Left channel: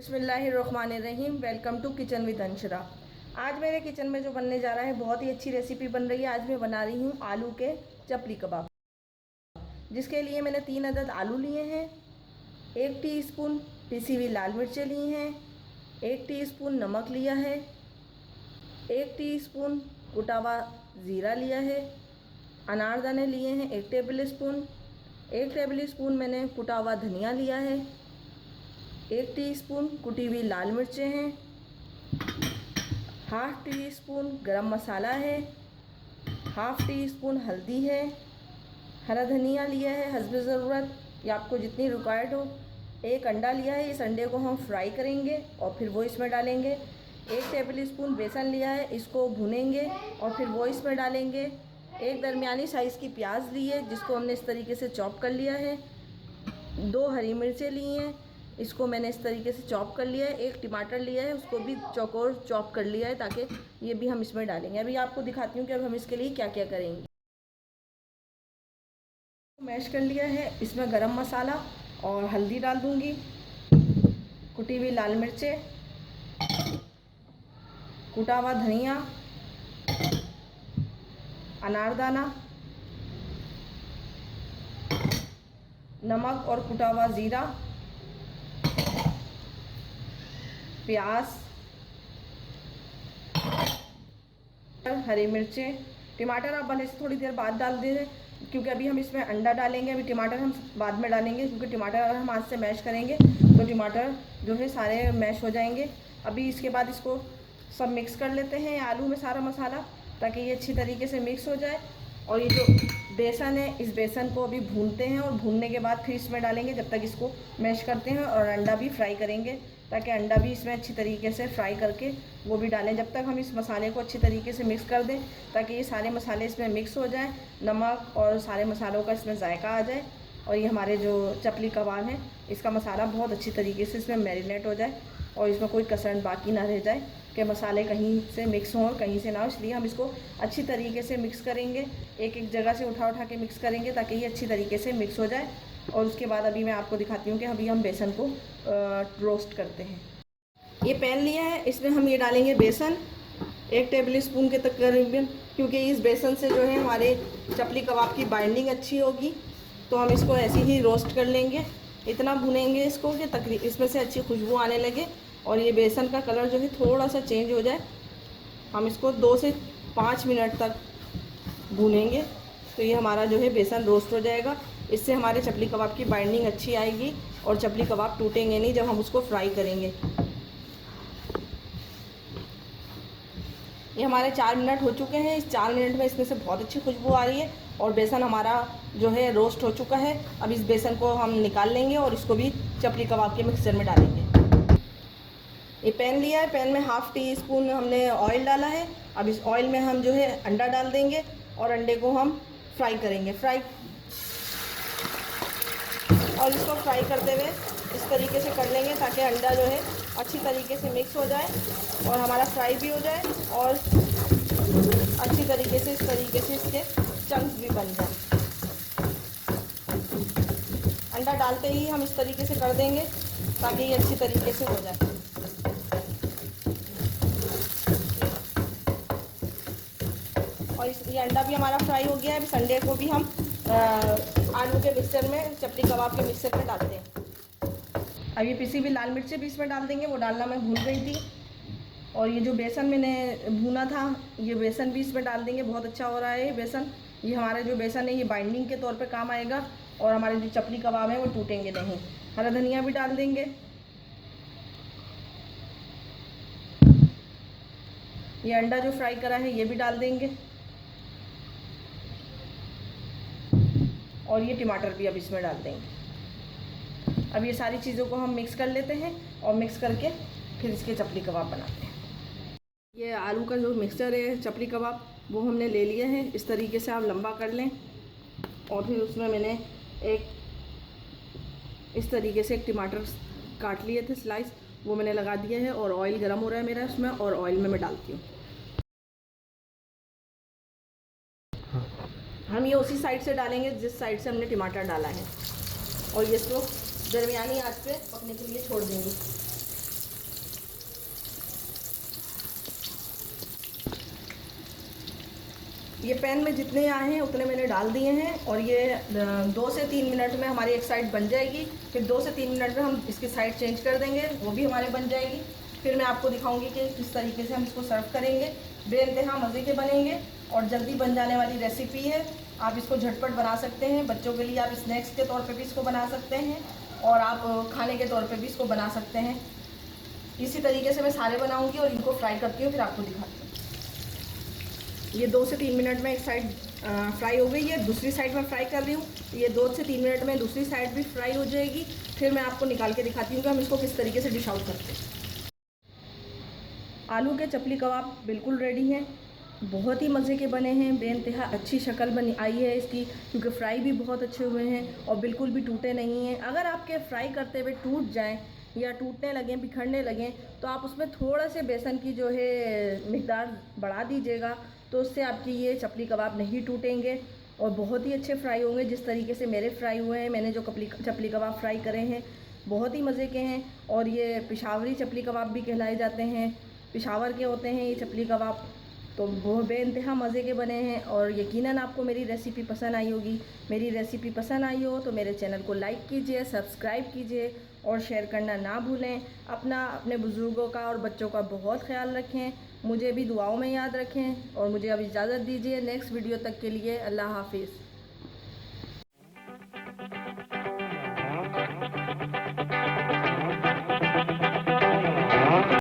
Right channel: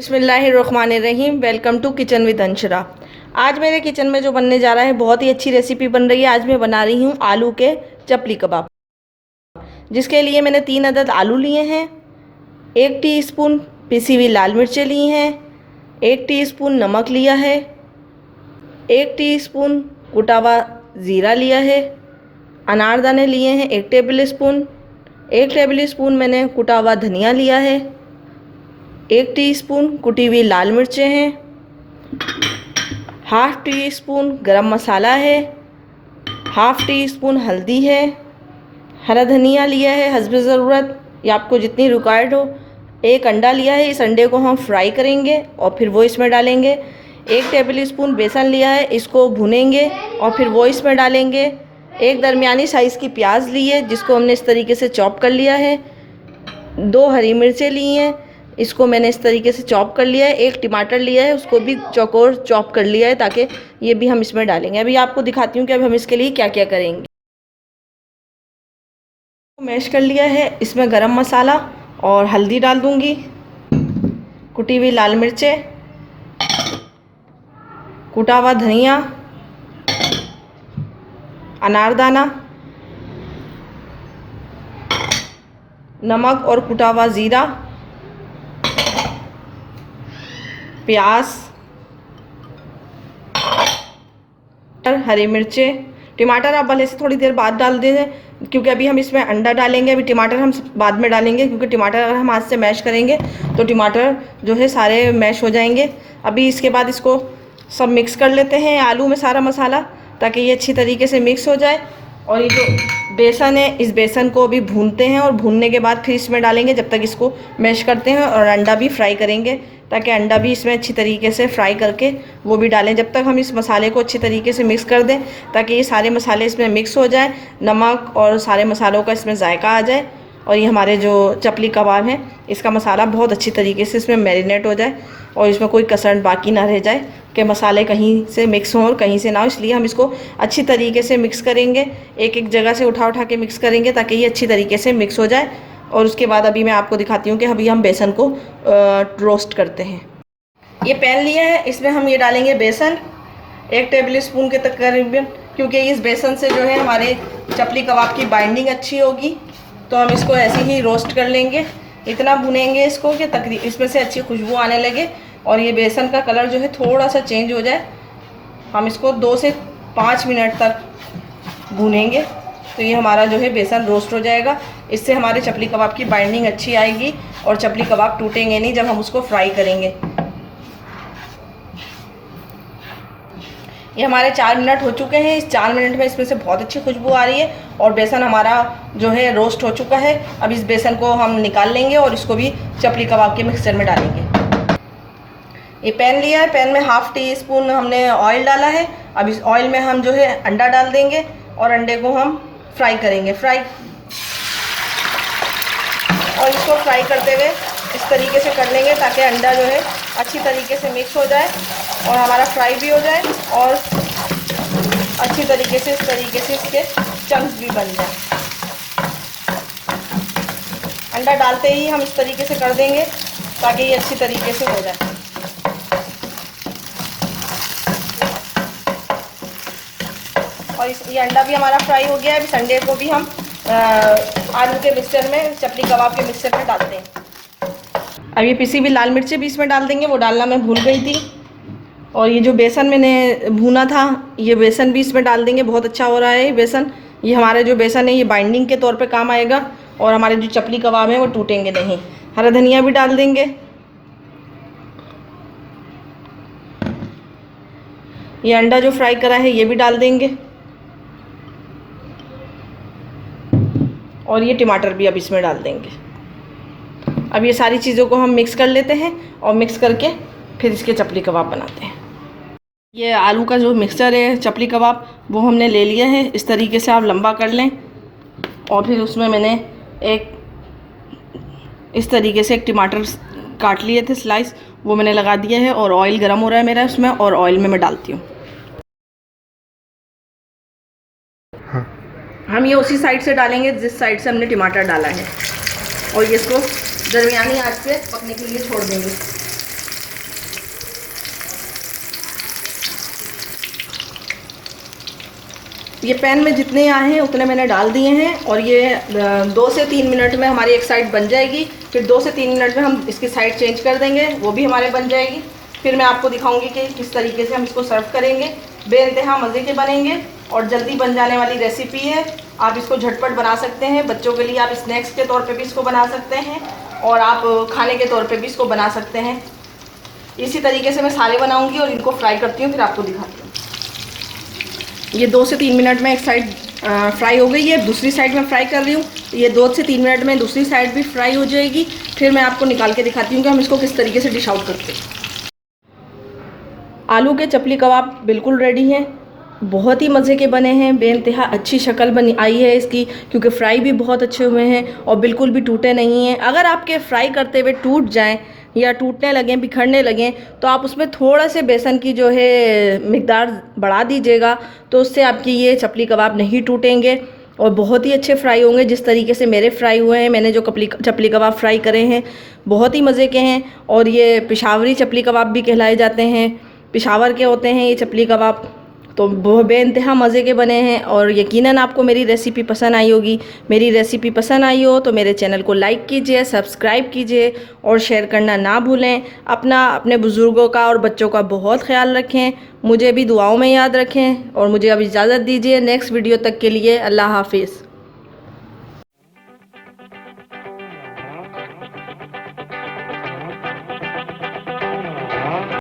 बिस्मिल्लाहिर्रहमानिर्रहीम। Welcome to kitchen with Anshara. आज मेरे किचन में जो बनने जा रहा है बहुत ही अच्छी रेसिपी बन रही है। आज मैं बना रही हूँ आलू के चपली कबाब, जिसके लिए मैंने 3 अदद आलू लिए हैं, 1 टीस्पून पिसी हुई लाल मिर्चें ली हैं, 1 टीस्पून नमक लिया है, 1 टीस्पून कुटा हुआ ज़ीरा लिया है, अनारदाने लिए हैं 1 टेबल स्पून, 1 टेबल स्पून मैंने कुटा हुआ धनिया लिया है, 1 टीस्पून कुटी हुई लाल मिर्चें हैं, ½ टीस्पून गरम मसाला है, ½ टीस्पून हल्दी है, हरा धनिया लिया है हस्बे ज़रूरत या आपको जितनी रिक्वायर्ड हो, 1 अंडा लिया है। इस अंडे को हम फ्राई करेंगे और फिर वो इसमें डालेंगे। 1 टेबल स्पून बेसन लिया है, इसको भूनेंगे और फिर वो इसमें डालेंगे। 1 दरमियानी साइज़ की प्याज ली है, जिसको हमने इस तरीके से चॉप कर लिया है। 2 हरी मिर्चें ली हैं, इसको मैंने इस तरीके से चॉप कर लिया है। 1 टमाटर लिया है, उसको भी चौकोर चॉप कर लिया है, ताकि ये भी हम इसमें डालेंगे। अभी आपको दिखाती हूँ कि अब हम इसके लिए क्या क्या करेंगे। मैश कर लिया है, इसमें गरम मसाला और हल्दी डाल दूँगी, कुटी हुई लाल मिर्चें, कुटा हुआ धनिया, अनारदाना, नमक और कुटा हुआ ज़ीरा, प्याज, हरी मिर्चें। टमाटर आप भले से थोड़ी देर बाद डाल दें, क्योंकि अभी हम इसमें अंडा डालेंगे। अभी टमाटर हम बाद में डालेंगे, क्योंकि टमाटर अगर हम हाथ से मैश करेंगे तो टमाटर जो है सारे मैश हो जाएंगे। अभी इसके बाद इसको सब मिक्स कर लेते हैं आलू में सारा मसाला, ताकि ये अच्छी तरीके से मिक्स हो जाए। और ये जो बेसन है, इस बेसन को भी भूनते हैं और भूनने के बाद फिर इसमें डालेंगे, जब तक इसको मैश करते हैं। और अंडा भी फ्राई करेंगे, ताकि अंडा भी इसमें अच्छी तरीके से फ्राई करके वो भी डालें। जब तक हम इस मसाले को अच्छी तरीके से मिक्स कर दें, ताकि ये सारे मसाले इसमें मिक्स हो जाए, नमक और सारे मसालों का इसमें जायका आ जाए। और ये हमारे जो चपली कबाब हैं, इसका मसाला बहुत अच्छी तरीके से इसमें मैरिनेट हो जाए और इसमें कोई कसर बाकी ना रह जाए कि मसाले कहीं से मिक्स हों और कहीं से ना हो। इसलिए हम इसको अच्छी तरीके से मिक्स करेंगे, एक जगह से उठा उठा के मिक्स करेंगे, ताकि ये अच्छी तरीके से मिक्स हो जाए। और उसके बाद अभी मैं आपको दिखाती हूँ कि अभी हम बेसन को रोस्ट करते हैं। ये पैन लिया है, इसमें हम ये डालेंगे बेसन 1 टेबल स्पून के तकरीबन, क्योंकि इस बेसन से जो है हमारे चपली कबाब की बाइंडिंग अच्छी होगी। तो हम इसको ऐसे ही रोस्ट कर लेंगे, इतना भुनेंगे इसको कि तकरीबन इसमें से अच्छी खुशबू आने लगे और ये बेसन का कलर जो है थोड़ा सा चेंज हो जाए। हम इसको 2 से 5 मिनट तक भूनेंगे, तो ये हमारा जो है बेसन रोस्ट हो जाएगा। इससे हमारे चपली कबाब की बाइंडिंग अच्छी आएगी और चपली कबाब टूटेंगे नहीं जब हम उसको फ्राई करेंगे। ये हमारे 4 मिनट हो चुके हैं। इस 4 मिनट में इसमें से बहुत अच्छी खुशबू आ रही है और बेसन हमारा जो है रोस्ट हो चुका है। अब इस बेसन को हम निकाल लेंगे और इसको भी चपली कबाब के मिक्सचर में डालेंगे। ये पैन लिया है, पैन में ½ टीस्पून हमने ऑयल डाला है। अब इस ऑयल में हम जो है अंडा डाल देंगे और अंडे को हम फ्राई करेंगे। और इसको फ्राई करते हुए इस तरीके से कर लेंगे, ताकि अंडा जो है अच्छी तरीके से मिक्स हो जाए और हमारा फ्राई भी हो जाए और अच्छी तरीके से इस तरीके से इसके चंक्स भी बन जाए। अंडा डालते ही हम इस तरीके से कर देंगे, ताकि ये अच्छी तरीके से हो जाए। और ये अंडा भी हमारा फ्राई हो गया है। इस अंडे को भी हम आलू के मिक्सचर में, चपली कबाब के मिक्सचर में डालते हैं। अब ये पिसी हुई लाल मिर्चें भी इसमें डाल देंगे, वो डालना मैं भूल गई थी। और ये जो बेसन मैंने भूना था, ये बेसन भी इसमें डाल देंगे। बहुत अच्छा हो रहा है ये बेसन। ये हमारा जो बेसन है ये बाइंडिंग के तौर पे काम आएगा और हमारे जो चपली कबाब हैं वो टूटेंगे नहीं। हरा धनिया भी डाल देंगे। ये अंडा जो फ्राई करा है ये भी डाल देंगे और ये टमाटर भी अब इसमें डाल देंगे। अब ये सारी चीज़ों को हम मिक्स कर लेते हैं और मिक्स करके फिर इसके चपली कबाब बनाते हैं। ये आलू का जो मिक्सचर है चपली कबाब, वो हमने ले लिया है। इस तरीके से आप लंबा कर लें और फिर उसमें मैंने इस तरीके से 1 टमाटर काट लिए थे स्लाइस, वो मैंने लगा दिया है। और ऑयल गर्म हो रहा है मेरा उसमें, और ऑयल में मैं डालती हूँ। हम ये उसी साइड से डालेंगे जिस साइड से हमने टमाटर डाला है, और ये इसको दरमियानी आंच पे पकने के लिए छोड़ देंगे। ये पैन में जितने आए हैं उतने मैंने डाल दिए हैं और ये 2 से 3 मिनट में हमारी एक साइड बन जाएगी। फिर 2 से 3 मिनट में हम इसकी साइड चेंज कर देंगे, वो भी हमारे बन जाएगी। फिर मैं आपको दिखाऊंगी कि किस तरीके से हम इसको सर्व करेंगे। बेइंतहा मज़े के बनेंगे और जल्दी बन जाने वाली रेसिपी है। आप इसको झटपट बना सकते हैं, बच्चों के लिए आप स्नैक्स के तौर पे भी इसको बना सकते हैं और आप खाने के तौर पे भी इसको बना सकते हैं। इसी तरीके से मैं सारे बनाऊंगी और इनको फ्राई करती हूँ, फिर आपको दिखाती हूँ। ये 2 से 3 मिनट में एक साइड फ्राई हो गई है, दूसरी साइड में फ्राई कर रही हूँ। ये 2 से 3 मिनट में दूसरी साइड भी फ्राई हो जाएगी। फिर मैं आपको निकाल के दिखाती हूँ कि हम इसको किस तरीके से डिश आउट करते हैं। आलू के चपली कबाब बिल्कुल रेडी हैं, बहुत ही मज़े के बने हैं। बेइंतहा अच्छी शक्ल बनी आई है इसकी, क्योंकि फ्राई भी बहुत अच्छे हुए हैं और बिल्कुल भी टूटे नहीं हैं। अगर आपके फ्राई करते हुए टूट जाएं या टूटने लगें, बिखरने लगें, तो आप उसमें थोड़ा से बेसन की जो है मिकदार बढ़ा दीजिएगा, तो उससे आपकी ये चपली कबाब नहीं टूटेंगे और बहुत ही अच्छे फ्राई होंगे। जिस तरीके से मेरे फ्राई हुए हैं, मैंने जो चपली कबाब फ्राई करे हैं बहुत ही मज़े के हैं। और ये पेशावरी चपली कबाब भी कहलाए जाते हैं, पेशावर के होते हैं ये चपली कबाब। तो वो बेइंतहा मज़े के बने हैं और यकीनन आपको मेरी रेसिपी पसंद आई होगी। मेरी रेसिपी पसंद आई हो तो मेरे चैनल को लाइक कीजिए, सब्सक्राइब कीजिए और शेयर करना ना भूलें। अपने बुज़ुर्गों का और बच्चों का बहुत ख्याल रखें, मुझे भी दुआओं में याद रखें और मुझे अब इजाज़त दीजिए। नेक्स्ट वीडियो तक के लिए अल्लाह हाफिज़।